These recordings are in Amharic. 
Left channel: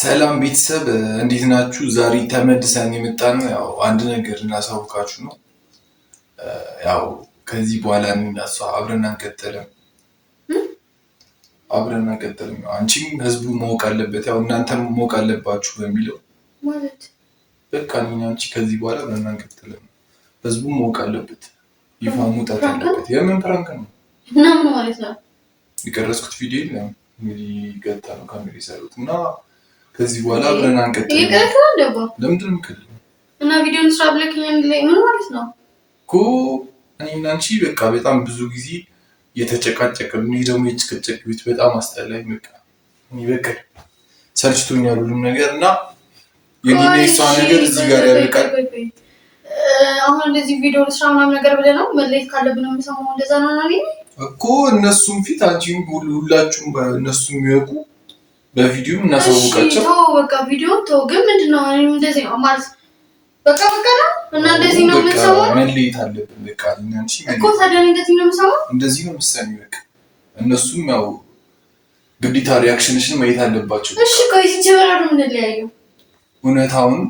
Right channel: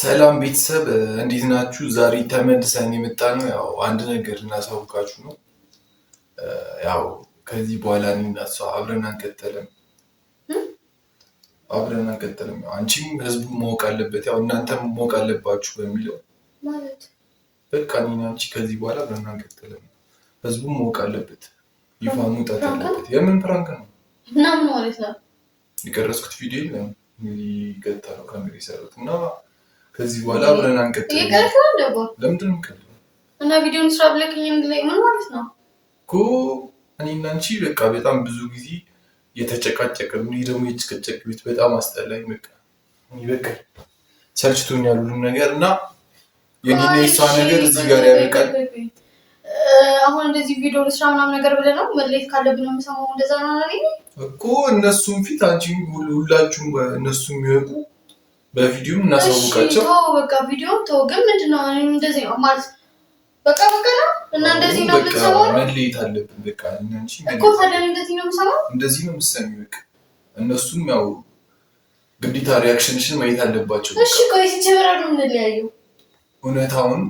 ሰላም ቤተሰብ እንዴት ናችሁ? ዛሬ ተመልሰን የመጣነው ያው አንድ ነገር እናሳውቃችሁ ነው። ያው ከዚህ በኋላ እኔና እሷ አብረን አንቀጥልም። ያው አንቺም ህዝቡ ማወቅ አለበት፣ ያው እናንተም ማወቅ አለባችሁ በሚለው ማለት በቃ እኔና አንቺ ከዚህ በኋላ አብረን አንቀጥልም። ህዝቡ ማወቅ አለበት፣ ይፋ መውጣት አለበት። የምን ፕራንክ ነው እና ምን ማለት ነው? የቀረጽኩት ቪዲዮ የለም እንግዲህ ገታ ነው ካሜራ የሰሩት እና ከዚህ በኋላ አብረን አንቀጥልም። ይቀርካል ደባ ለምንድን ነው የምትከልለው? እና ቪዲዮን ስራ ብለከኝ ላይ ምን ማለት ነው እኮ እኔና አንቺ በቃ በጣም ብዙ ጊዜ የተጨቃጨቅን፣ እኔ ደግሞ የጭቅጭቅ ቤት በጣም አስጠላኝ። በቃ እኔ በቃ ሰልችቶኛል ሁሉም ነገር እና የኔና የሷ ነገር እዚህ ጋር ያበቃል። አሁን እንደዚህ ቪዲዮ ስራ ምናምን ነገር ብለህ ነው መለየት ካለብን ነው የምሰማው። እንደዛ ነው እኮ እነሱም ፊት አንቺም ሁላችሁም እነሱ የሚያውቁ በቪዲዮ እናሳውቃቸው። ተው በቃ ቪዲዮ ተው። ግን ምንድነው እንደዚህ ነው ማለት በቃ ነው እና እንደዚህ ነው የምንሰማው። መለየት አለብን በቃ እናንቺ እኮ ታዲያ እንደዚህ ነው የምሰማው። እንደዚህ ነው የምትሰሚው በቃ እነሱም ያው ግዴታ ሪያክሽንሽን ማየት አለባቸው። እሺ ቆይ ሲጀመር ነው የምንለያየው። እውነታውን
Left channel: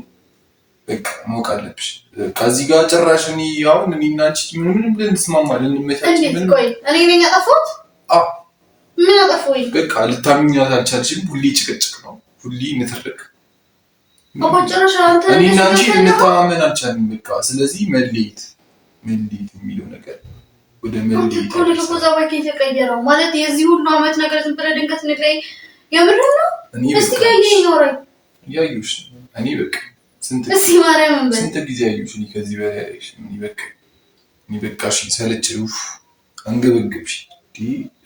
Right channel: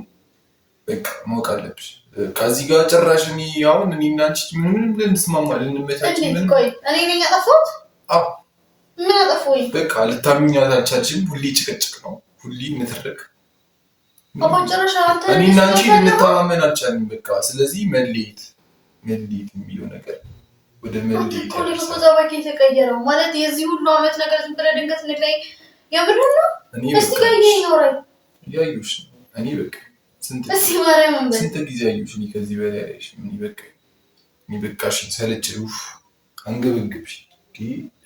በቃ ማወቅ አለብሽ። ከዚህ ጋር ጭራሽ እኔ አሁን እኔና አንቺ ምንም ልንስማማ ልንመቻች ምን ቆይ እኔ ነኝ ያጠፋሁት? አዎ ምን አጠፋሁኝ? በቃ ልታምኛት አልቻልሽም። ሁሌ ጭቅጭቅ ነው፣ ሁሌ ንትርክ። አባጨረሻ አንተ እኔና አንቺ ልንተማመን አልቻልንም። በቃ ስለዚህ መለየት የሚለው ነገር ወደ መለየት እኮ ነው ተዛባቂ የተቀየረው ማለት የዚህ ሁሉ አመት ነገር ዝም ብለህ ድንገት እንለይ የምር ነው። እስቲ ጋር ይኖራል ያዩሽ እኔ በቃ ስንት ጊዜ ያዩሽ እኔ ከዚህ በላይ ያዩሽ እኔ በቃ እሺ ሰለችሽ፣ አንገበገብሽ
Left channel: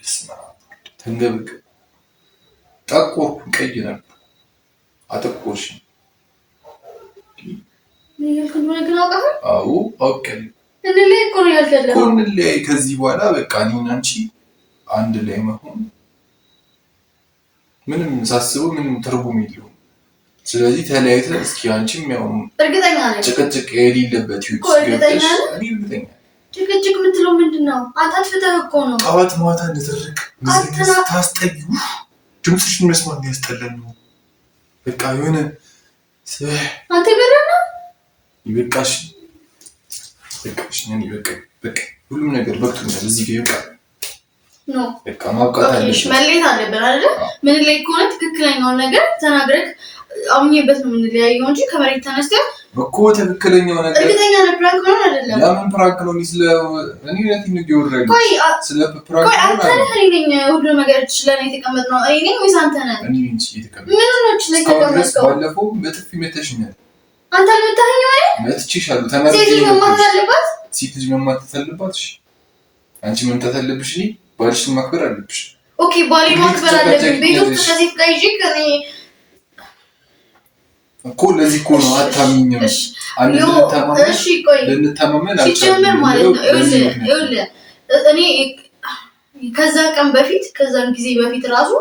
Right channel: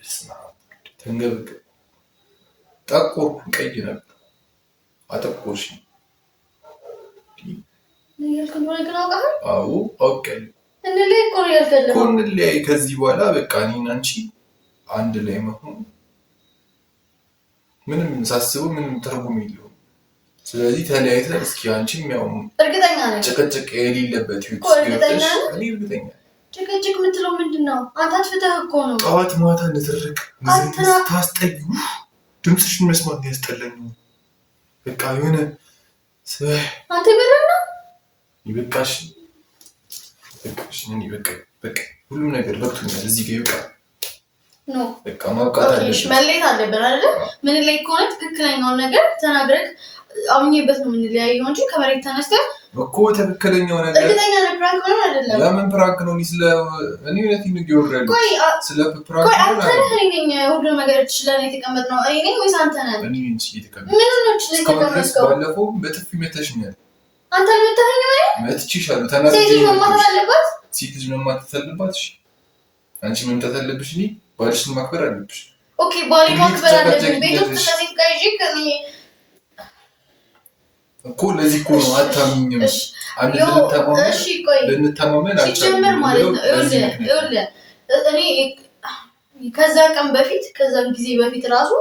ስማ ተንገበገብ ጠቆርኩ፣ ቀይ ነበር አጠቆርሽ። አዎ አውቃለሁ። እንለያይ ከዚህ በኋላ በቃ እኔና አንቺ አንድ ላይ መሆን ምንም ሳስበው ምንም ትርጉም የለውም። ስለዚህ ተለያይተን እስኪ አንቺም ያው እርግጠኛ ነኝ ጭቅጭቅ የሌለበት ህይወት ገብተሽ እኔ እርግጠኛ ጭቅጭቅ የምትለው ምንድን ነው? አንተ አትፍተህ እኮ ነው። ጠዋት ማታ ንትርክ ታስጠዩ። ድምፅሽን መስማት ያስጠላኝ ነው። በቃ የሆነ አንተ ገረና ይበቃሽ። እኔ በቃ ሁሉም ነገር በቅቶኛል። እዚህ ጋር ይበቃ ነው። በቃ ማብቃት አለብሽ። መለየት አለብን አይደል? ምን ላይ ከሆነ ትክክለኛውን ነገር ተናግረህ አምኜበት ነው የምንለያየው እንጂ ከመሬት ተነስተህ እኮ ትክክለኛው ነገር እርግጠኛ ነህ ፕራንክ ነው አይደለም? ለምን ፕራንክ ነው? እኔ እውነት ነው ይወራል። ስለ ፕራንክ ነው አይደለም? ሁሉ ነገር ስለኔ የተቀመጥነው እኔ ነኝ ወይስ አንተ ነህ? እኔ ነኝ የተቀመጥነው። ምን ነው እቺ ላይ ተቀመጥከው? ባለፈው በጥፊ መተሽኛል። አንተ መታኸኝ ወይ? መትቼሻለሁ። ተናግሬ ሴት ልጅ መማታት አለባት። ሴት ልጅ መማታት አለባት። እሺ አንቺ መምታት አለብሽ። እኔ ባልሽን ማክበር አለብሽ። ኦኬ ባሌ ማክበር አለብኝ። ቤት ውስጥ ከሴት ጋር ይዤ ከኔ እኮ ለዚህ እኮ ነው አታምኝም። አንድ ልንተማመን አልቻልንም ማለት ነው። እኔ ከዛ ቀን በፊት ከዛን ጊዜ በፊት ራሱ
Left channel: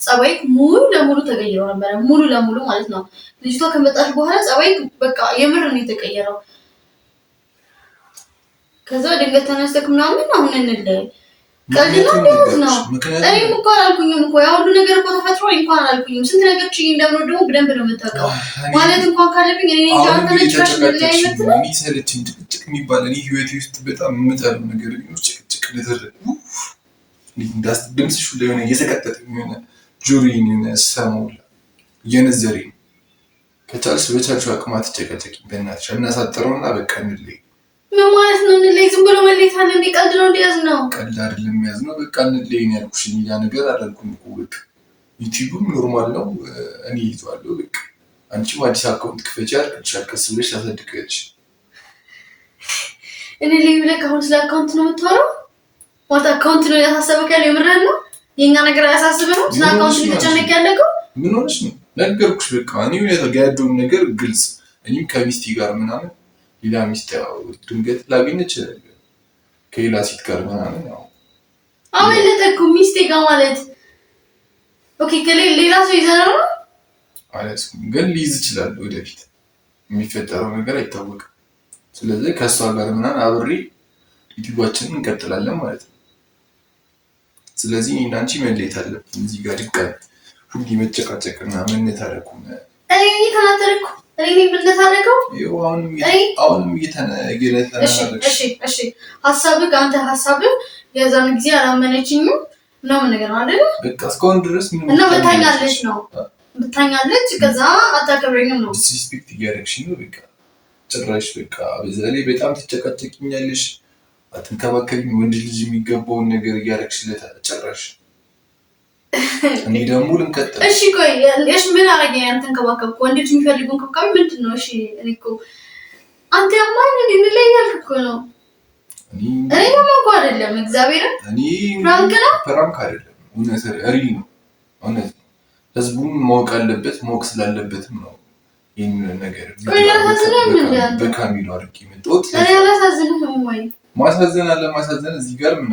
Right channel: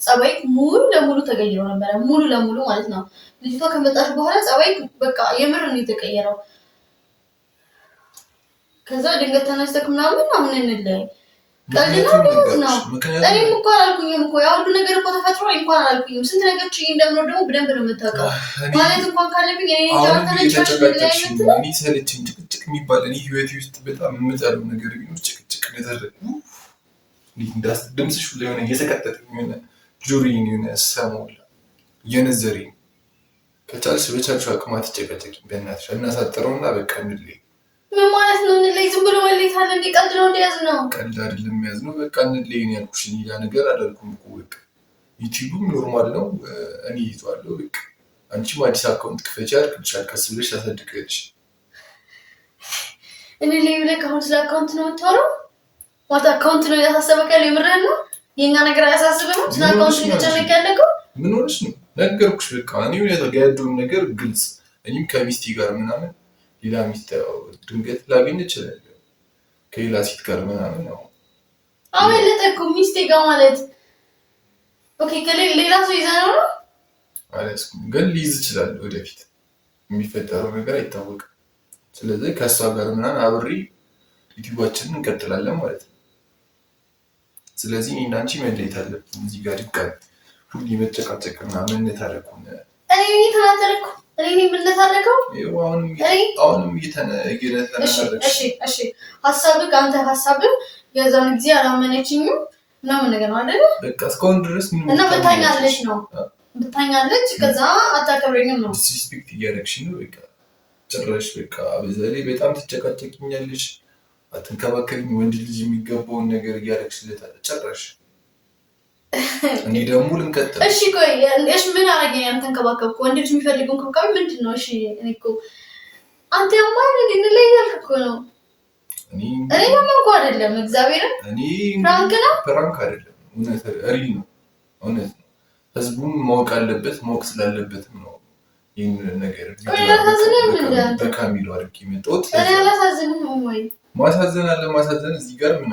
ጸባይ ሙሉ ለሙሉ ተቀይሮ ነበር። ሙሉ ለሙሉ ማለት ነው። ልጅቷ ከመጣች በኋላ ጸባይ በቃ የምር ነው የተቀየረው። ከዛ ድንገት ተነስተክ ምናምን አሁን እንለያይ ቀልድ ነው። እኔ እኮ አላልኩኝም እኮ ያ ሁሉ ነገር እኮ ተፈጥሮ እንኳን አላልኩኝም። ስንት ነገር ችዬ እንደምኖር ደግሞ በደንብ ነው የምታውቀው። ማለት እንኳን ካለብኝ እኔ ጃንተ ነጭራሽ ለያይነት ነው ሰለችኝ። ጭቅጭቅ የሚባል እኔ ህይወቴ ውስጥ በጣም የምጠላው ነገር ቢኖር ጭቅጭቅ ለተደረገ ድምፅሽ ሁላ የሆነ እየተቀጠጠኝ የሆነ ጆሮዬን የሆነ ሰማው እየነዘረኝ። ከቻልሽ በቻልሽው አቅም አትጨቀጨቂ በእናትሽ። እናሳጥረውና በቃ እንለይ። ምን ማለት ነው እንለይ? ዝም ብሎ መለየት አለ እንዴ? ቀልድ ነው እንዲያዝ ነው? ቀልድ አይደለም የሚያዝ ነው። በቃ እንለይ ነው ያልኩሽ። ያ ነገር አላልኩም እኮ በቃ ዩቲዩብም ኖርማል ነው እኔ ይዟለሁ። በቃ አንቺም አዲስ አካውንት ክፈቻ አልክልሻል። ቀስ ብለሽ ታሳድቂያለሽ። እንለይ ብለህ አሁን ስለ አካውንት ነው የምታወራው? ማለት አካውንት ነው ያሳሰበክ ያለው? የምርህን ነው? የኛ ነገር አያሳስብህ ነው? ስለ አካውንት ነው የተጨነቀ ያለከው? ምን ሆነሽ ነው? ነገርኩሽ በቃ እኔ ያለውን ነገር ግልጽ። እኔም ከሚስቴ ጋር ምናምን ሌላ ሚስት ያው ድንገት ላገኝ እችላለሁ ከሌላ ሴት ጋር ምናምን ያው አመለጠኩ ሚስቴ ጋር ማለት ኦኬ። ከሌላ ሰው ይዘህ ነው አላስኩም፣ ግን ሊይዝ ይችላል። ወደፊት የሚፈጠረው ነገር አይታወቅም። ስለዚህ ከእሷ ጋር ምናምን አብሬ ዩቲዩባችንን እንቀጥላለን ማለት ነው። ስለዚህ እኔና አንቺ መለየት አለብን። እዚህ ጋር ድጋሚ ሁሌ መጨቃጨቅና መነታረኩ እኔ ተናተረኩ እኔ የምንታረቀው አሁንም እየተነታረቅሽ። እሺ ሀሳብህ አንተ ሀሳብህ የዛን ጊዜ አላመነችኝም ምናምን ነገር ነው አይደል? በቃ እስካሁን ድረስ እና ብታኛለች ነው ብታኛለች። ከዛ አታከብረኝም ነው ዲስሪስፔክት እያደረግሽ ነው። በቃ ጭራሽ በቃ በዛ ላይ በጣም ትጨቃጨቅኛለሽ። አትንከባከቢኝ። ወንድ ልጅ የሚገባውን ነገር እያደረግሽለታል ጭራሽ። እኔ ደግሞ ልንቀጥል። እሺ ቆይ እሺ ምን አረገኝ? አንተን ከባከብኩ ወንድ ልጅ የሚፈልገውን ከብካቢ ምንድን ነው? እሺ እኔ እኮ አንተ ያማን እንለያያል እኮ ነው። እኔ ማውቀው አይደለም እግዚአብሔር ፍራንክ አይደለም እውነት ሪል ነው። እውነት ነው። ህዝቡም ማወቅ አለበት። ማወቅ ስላለበትም ነው ይህን ነገር በካሜራ አድርጌ መጣሁት። ማሳዘን አለ ማሳዘን እዚህ ጋር ምን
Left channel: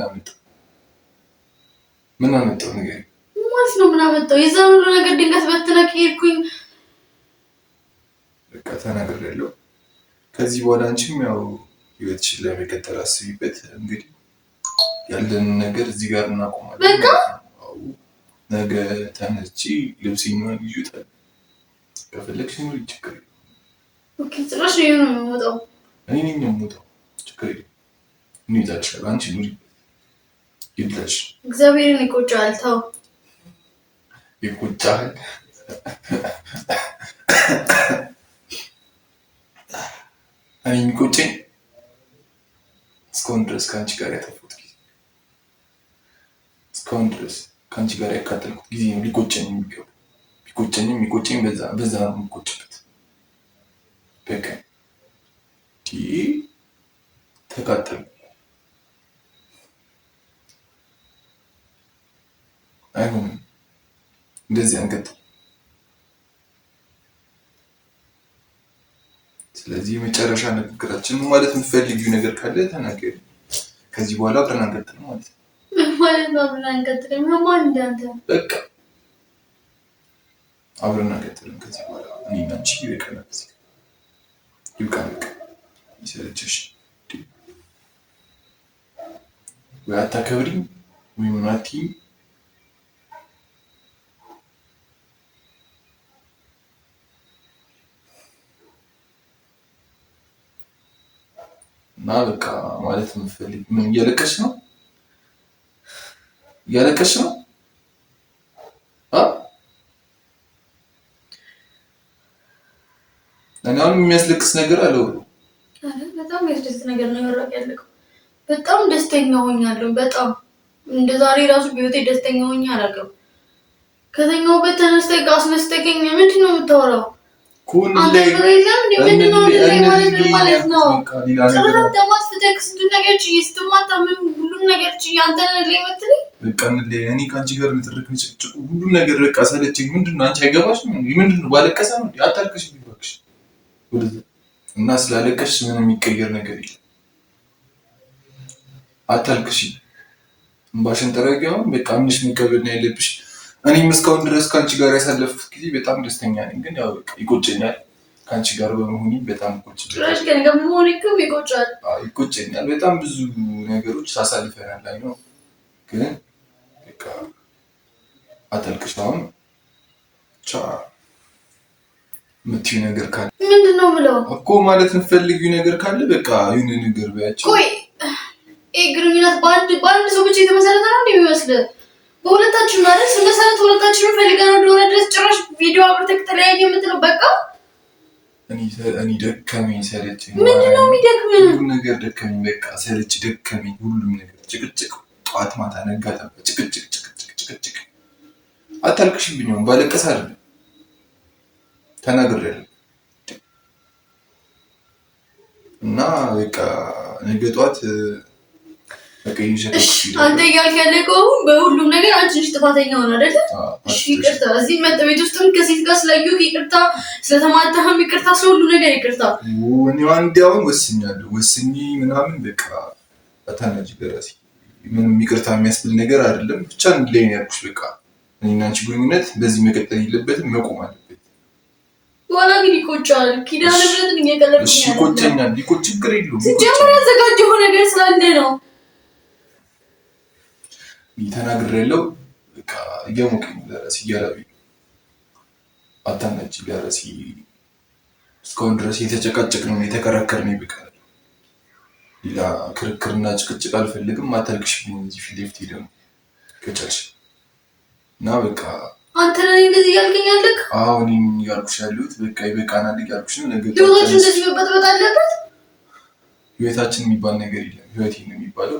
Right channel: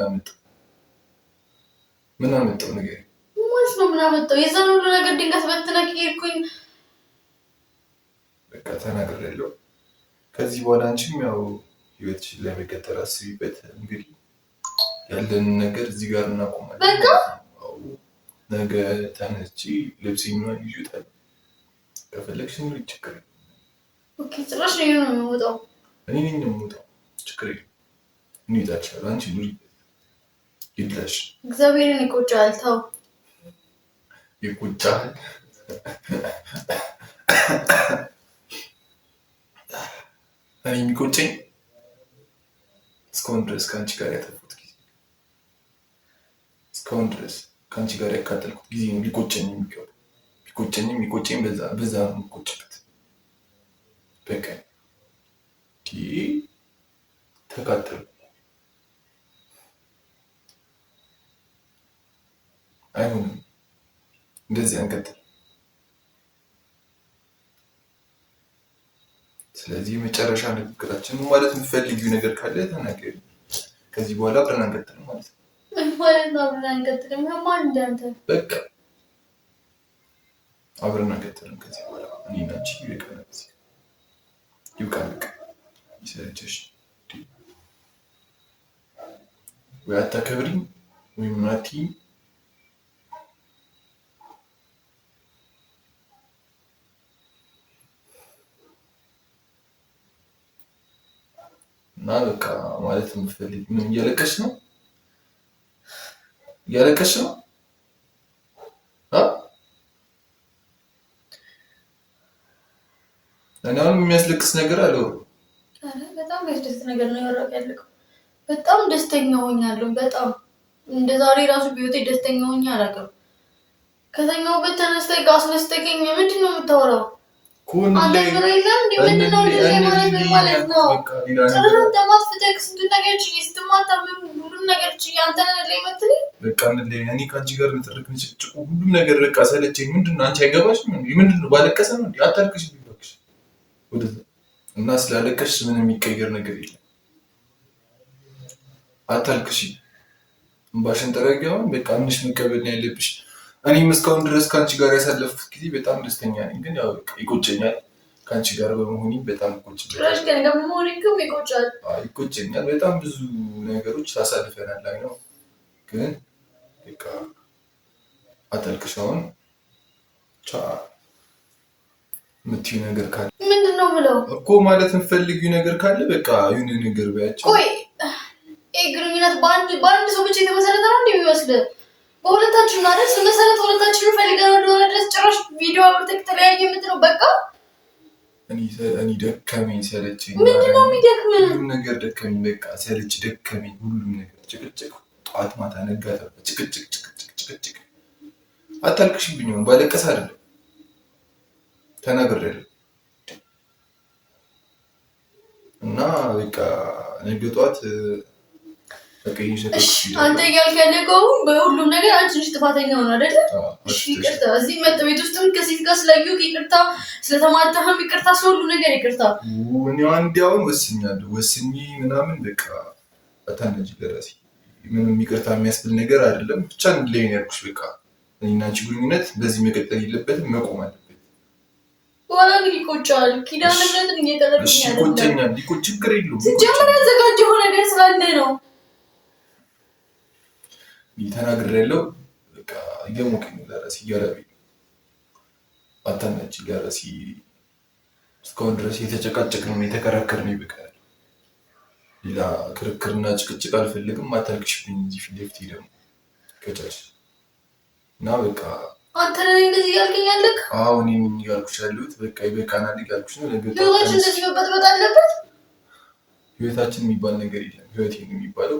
አመጣው ነገር ማለት ነው? ምን አመጣው? የዛን ሁሉ ነገር ድንገት በትነክ ሄድኩኝ። በቃ ተናግሬያለሁ። ከዚህ በኋላ አንቺም ያው ህይወትሽን ለመቀጠል አስቢበት። እንግዲህ ያለን ነገር እዚህ ጋር እናቆማለን። በቃ ነገ ተነስቼ ልብሴን ነው ይዩታል። ከፈለግሽ ኑሪ ችግር የለም። ኦኬ ጭራሽ ነው የምወጣው። እኔ ነኝ የምወጣው ችግር የለም። እንይዛልሻለሁ። አንቺ ኑሪ ይብላሽ። እግዚአብሔርን ይቆጫል። ተው ይቆጫል። እኔ የሚቆጨኝ እስካሁን ድረስ ከአንቺ ጋር ያጠፉት ጊዜ፣ እስካሁን ድረስ ከአንቺ ጋር ያካተልኩት ጊዜ ነው ሊቆጨኝ የሚገባው። የሚቆጨኝ በዛ ነው የምቆጭበት። በቃ ተቃጠልኩ። አይሆንም። እንደዚህ አንቀጥል። ስለዚህ የመጨረሻ ንግግራችን ማለት የምትፈልጊው ነገር ካለ ተናገሪ። ከዚህ በኋላ አብረን አንቀጥልም ማለት ነው። ማለት ነው አብረን አንቀጥልም ማን እንዳንተ በቃ አብረን አንቀጥልም ከዚህ በኋላ እኔ እና አንቺ ይበቃናል። ይብቃን። በቃ ይሰለችሽ ወይ አታከብሪኝ ወይ ምን አትይኝ። እና በቃ ማለት የምትፈልጊ ምን እያለቀሽ ነው? እያለቀሽ ነው? እኔ አሁን የሚያስለቅስ ነገር አለው። በጣም የሚያስደስት ነገር ነው ያለቀው። በጣም ደስተኛ ሆኛለሁ። በጣም እንደ ዛሬ ራሱ በህይወቴ ደስተኛ ሆኜ አላውቅም። ከተኛሁበት ተነስተህ አስነስተኸኝ ምንድን ነው የምታወራው? አንተ ብሎ የለም እንደ ምንድን ነው ማለት ነው? ሁሉም ነገር አንተን ላይ መትለኝ በቃ እኔ ከአንቺ ጋር ንትርክ ንጭቅጭቁ ሁሉም ነገር በቃ ሰለቸኝ። ምንድን ነው አንቺ አይገባሽም? ምንድን ነው ባለቀሰ ነው አታልቅሽ ቢባክሽ እና ስላለቀሽ ምን የሚቀየር ነገር የለም። አታልቅሽ፣ እንባሽን ጠረጊያውን በቃ ምንሽ መቀበል ነው ያለብሽ። እኔም እስካሁን ድረስ ከአንቺ ጋር ያሳለፍኩት ጊዜ በጣም ደስተኛ ነኝ። ግን ያው በቃ ይቆጨኛል ከአንቺ ጋር በመሆኔ በጣም ይቆጨኛል። በጣም ብዙ ነገሮች ሳሳልፈናል ላይ ነው። ግን በቃ አታልቅሽ። አሁን የምትይው ነገር ካለ ምንድን ነው የምለው እኮ ማለት የምትፈልጊው ነገር ካለ በቃ የሆነ ነገር በያቸው። ቆይ ይሄ ግንኙነት በአንድ ሰው ብቻ የተመሰረተ ነው የሚመስልህ? በሁለታችን ማለት ስንመሰረት ሁለታችን ፈልገን ወደሆነ ድረስ ጭራሽ ቪዲዮ አብረን ተለያየ የምትለው በቃ እኔ ደከመኝ ሰለቸኝ። ምንድን ነው የሚደክመኝ? ሁሉም ነገር ደከመኝ። በቃ ሰለች ደከመኝ። ሁሉም ነገር ጭቅጭቅ፣ ጠዋት ማታ ነጋ ጠባ፣ ጭቅጭቅ። አታልቅሽብኝ። ባለቀስ አይደለም ተናግሬያለሁ። እና በቃ ነገ ጠዋት አንተ እያልክ ያለከው በሁሉም ነገር አንቺ ነሽ ጥፋተኛ ሆነ አይደለ? እሺ ይቅርታ። እዚህ ቤት ውስጥም ከሴት ጋር ስላየሁህ ይቅርታ፣ ስለተማታህም ይቅርታ፣ ስለሁሉ ነገር ይቅርታ። እኔ አንዴውን ወስኛለሁ። ወስኜ ምናምን በቃ አታናጅ ገራሲ ምንም ይቅርታ የሚያስብል ነገር አይደለም። ብቻ እንድላይ ነው ያልኩሽ። በቃ እኔና አንቺ ግንኙነት በዚህ መቀጠል የለበትም፣ መቆም አለበት። በኋላ ግን ይቆጫል። ኪዳነ ምሕረትን እየቀለድኩኝ እሺ ይቆጨኛል። ችግር የለውም። ሲጀምር ያዘጋጀው ነገር ስላለ ነው። ተናግሬያለሁ። በቃ እየሞቀኝ ለራስ እያለብኝ አታናጅ ለራሴ እስካሁን ድረስ የተጨቃጨቅነው የተከራከርን ይበቃል። ሌላ ክርክርና ጭቅጭቅ አልፈልግም። አታልቅሽብኝ እንጂ ፊት ለፊት ደግሞ ከቻልሽ እና በቃ አንተ ነህ እንደዚህ እያልከኝ ያለክ? አዎ እኔ እያልኩሽ ያለሁት በቃ ይበቃናል እያልኩሽ ነው። ነገ ህይወታችን እንደዚህ መበጥበጥ አለበት? ህይወታችን የሚባል ነገር የለም። ህይወቴ ነው የሚባለው።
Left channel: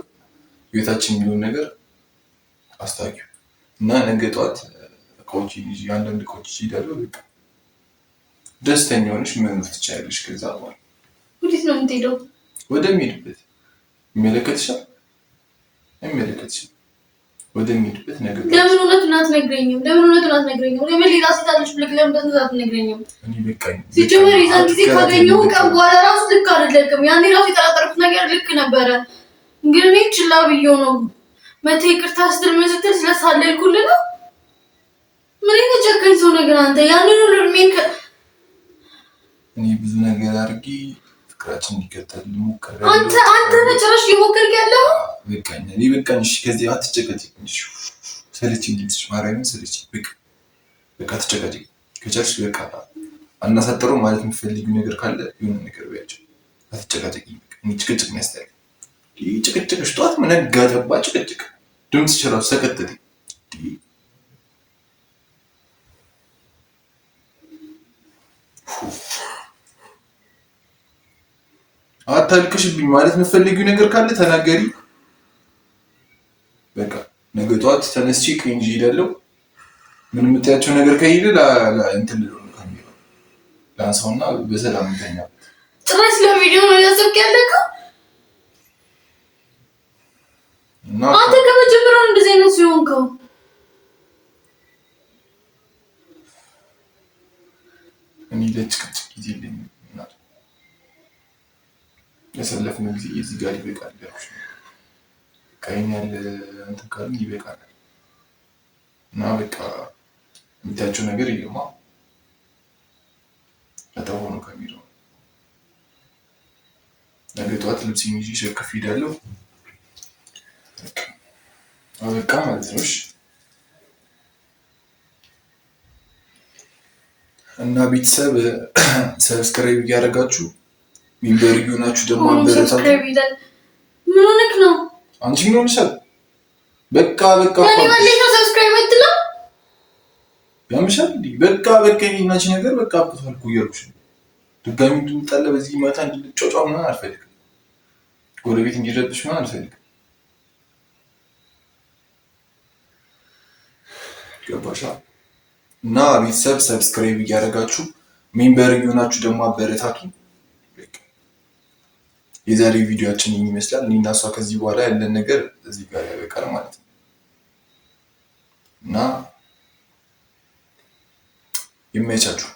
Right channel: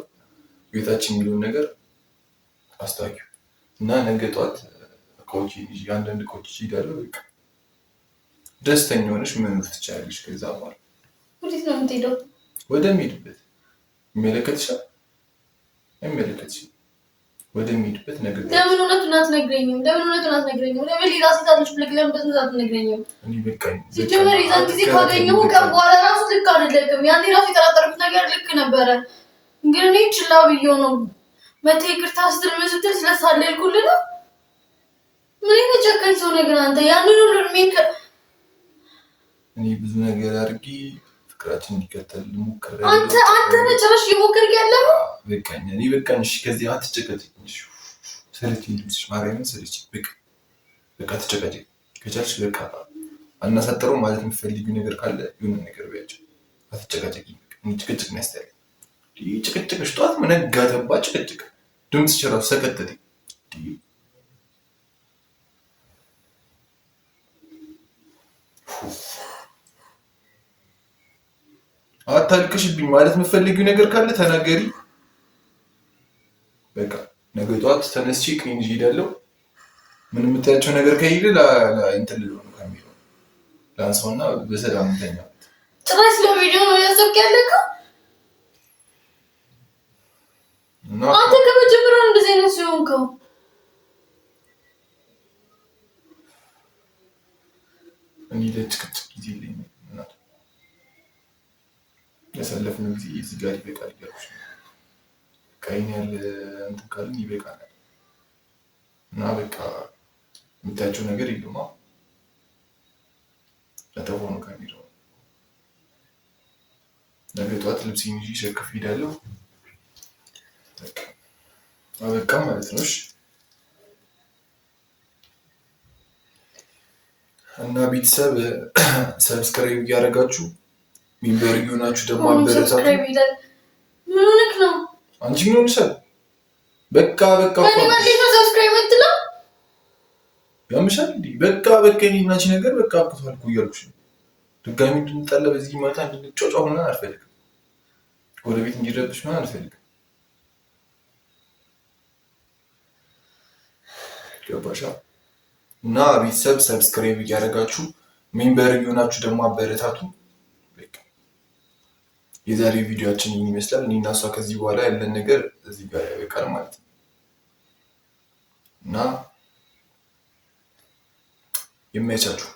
ህይወታችን የሚለውን ነገር አስታኪው እና ነገ ጠዋት እቃዎችን ይዤ አንዳንድ እቃዎች ይሄዳለሁ። በቃ ደስተኛ ሆነሽ መኖር ትችያለሽ። ከዛ በኋላ ወዴት ነው የምትሄደው? ወደሚሄድበት። ይመለከትሻል? አይመለከትሽም? ወደሚሄድበት ነገር። ለምን እውነቱን አትነግረኝም? ለምን ሌላ ሴት አለች ብለህ ለምን በስንት አትነግረኝም? እኔ በቃኝ። ሲጀመር የዛን ጊዜ ካገኘሁ ቀን በኋላ ራሱ ልክ አይደለም። ያኔ ራሱ የጠራጠርኩት ነገር ልክ ነበረ፣ ግን እኔ ችላ ብዬው ነው። መተህ ይቅርታ ስትል ምን ስትል ስለሳለልኩልህ ነው። ምን አይነት ጨካኝ ሰው ነገር አንተ! ያንን ሁሉ እድሜን እኔ ብዙ ነገር አድርጌ ፍቅራችን እንዲቀጥል ሞከረ። አንተ ነጭራሽ እየሞከርክ ያለው በቃኝ። እኔ በቃኝ። እሺ ከዚህ አትጨቀጭቅኝ። እሺ ሰለችኝ፣ ድምፅሽ ማርያምን ሰለችኝ። በቃ አትጨቀጭቅኝ። ከቻልሽ በቃ አናሳጥረው ማለት የምትፈልጊው ነገር ካለ የሆነ ነገር ቢያቸው። አትጨቃጨቅኝ። በቃ እኔ ጭቅጭቅ ነው ያስጠላኝ። ጭቅጭቅሽ ጠዋት መነጋ ገባ ጭቅጭቅ። ድምፅሽ እራሱ ሰቀጠጠኝ። አታልቅሽብኝ። ማለት የምትፈልጊው ነገር ካለ ተናገሪ። በቃ ነገ ጠዋት ተነስቼ ቀኝ ይዤ እሄዳለሁ። ምን የምታያቸው ነገር ከሄደ እንትን ልለው ነው ካሜራ ላንሳውና በሰላም እንተኛበት። ጭራሽ ለቪዲዮ ነው ያሰብክ ያለከው? አንተ ከመጀመሪያው እንደዚህ አይነት ሲሆንከው እኔ ለጭቅጭቅ ጊዜ የለኝም። ያሳለፍነው ጊዜ እዚህ ጋር ይበቃል እያልኩሽ ነው። ቀኝ ያለ እንትን ካልን ይበቃናል እና በቃ የምታያቸው ነገር ይገማ ለተሆኑ ካሜራው ነገ ጠዋት ልብሴን ይዤ ሸክፍ ሄዳለሁ። በቃ ማለት ነው። እና ቤተሰብ ሰብስክራይብ እያደረጋችሁ ሜምበር እየሆናችሁ ደግሞ አበረታቱ። ምን ሆነክ ነው አንቺ? ምን ሆነሻል? በቃ ያምሻል። በቃ የኔና አንቺ ነገር በቃ አብቅቷል እኮ እያልኩሽ ነው። ድጋሚ እንድንጣላ በዚህ ማታ እንድንጫጫው ምናምን አልፈልግም። ጎረቤት እንዲረብሽ ምናምን አልፈልግም። ገባሻ? እና ቤተሰብ ሰብስክራይብ እያደረጋችሁ ሜምበር እየሆናችሁ ደግሞ አበረታቱ። የዛሬ ቪዲዮአችን ይህን ይመስላል። እኔና እሷ ከዚህ በኋላ ያለን ነገር እዚህ ጋር ያበቃል ማለት ነው እና ይመቻችሁ።